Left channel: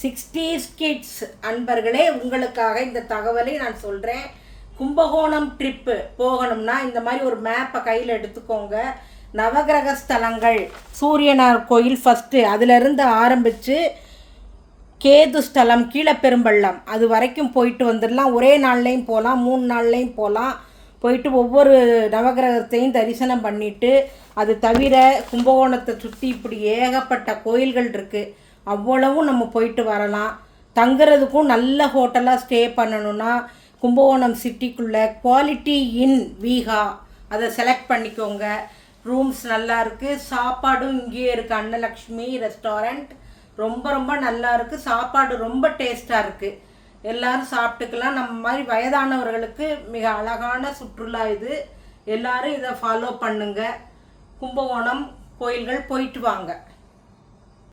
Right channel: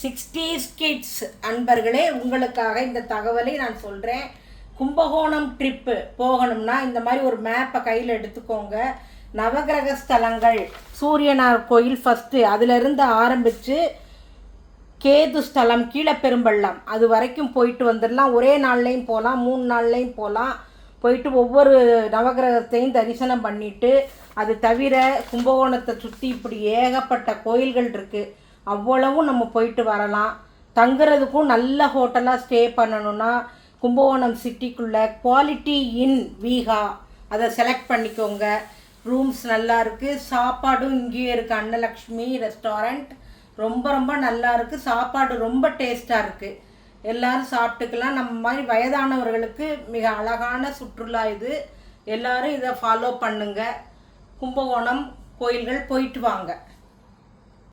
60s kids அன்பர்களே, உங்களுக்காக இந்த தகவலை நான் சொல்கிறேன். கும்பகோணம் ட்ரிப்பு போகணும்னா இந்த மாதிரி ஒரு மேப்பை கையில் எடுத்துக்கோங்க. நவகிரக ஸ்தலங்கள், சூரியனார் கோயில் ஃபஸ்ட்டு, அதிலிருந்து ஆரம்பித்து கேது ஸ்தலம், கீழப்பெரும்பள்ளம் அது வரைக்கும் போயிட்டு வந்துடலாம். ஒரே நாள்லேயும் போகலாம், 3 நாள்லேயும் போகலாம். போயிட்டு ஒவ்வொரு நவகிரகத்தையும் தரிசனம் பண்ணிவிட்டு, அது தவிர கும்பகோணத்தை சுற்றி இப்படி ஏகப்பட்ட கோயில்கள் இருக்குது, அவ்வளவும் நம்ம போயிட்டு வரலாம். தங்குறதுக்கும் நல்ல ஹோட்டலாக ஸ்டே பண்ணணுன்னா கும்பகோணம் சிட்டிக்குள்ளே குவாலிட்டி இன் வீகா அதை செலக்ட் பண்ணிக்கோங்க. ரூம்ஸ் நல்லா இருக்குது, சாப்பாடும் இங்கேயே இருக்குது. அன்னலக்ஷ்மி ரெஸ்டாரண்ட் ரொம்ப ரொம்ப நல்லா இருக்குது, சாப்பாடு ரொம்ப டேஸ்ட்டாக இருக்குது. எல்லோரும் சாப்பிட்டுக்கலாம். நம்ம மாதிரி வயதானவர்களுக்கு மிக அழகான சுற்றுலா இது. எல்லோரும் இதை ஃபாலோ பண்ணுங்கள். கும்பகோணம் கோயில்கள் போயிட்டு வாங்க.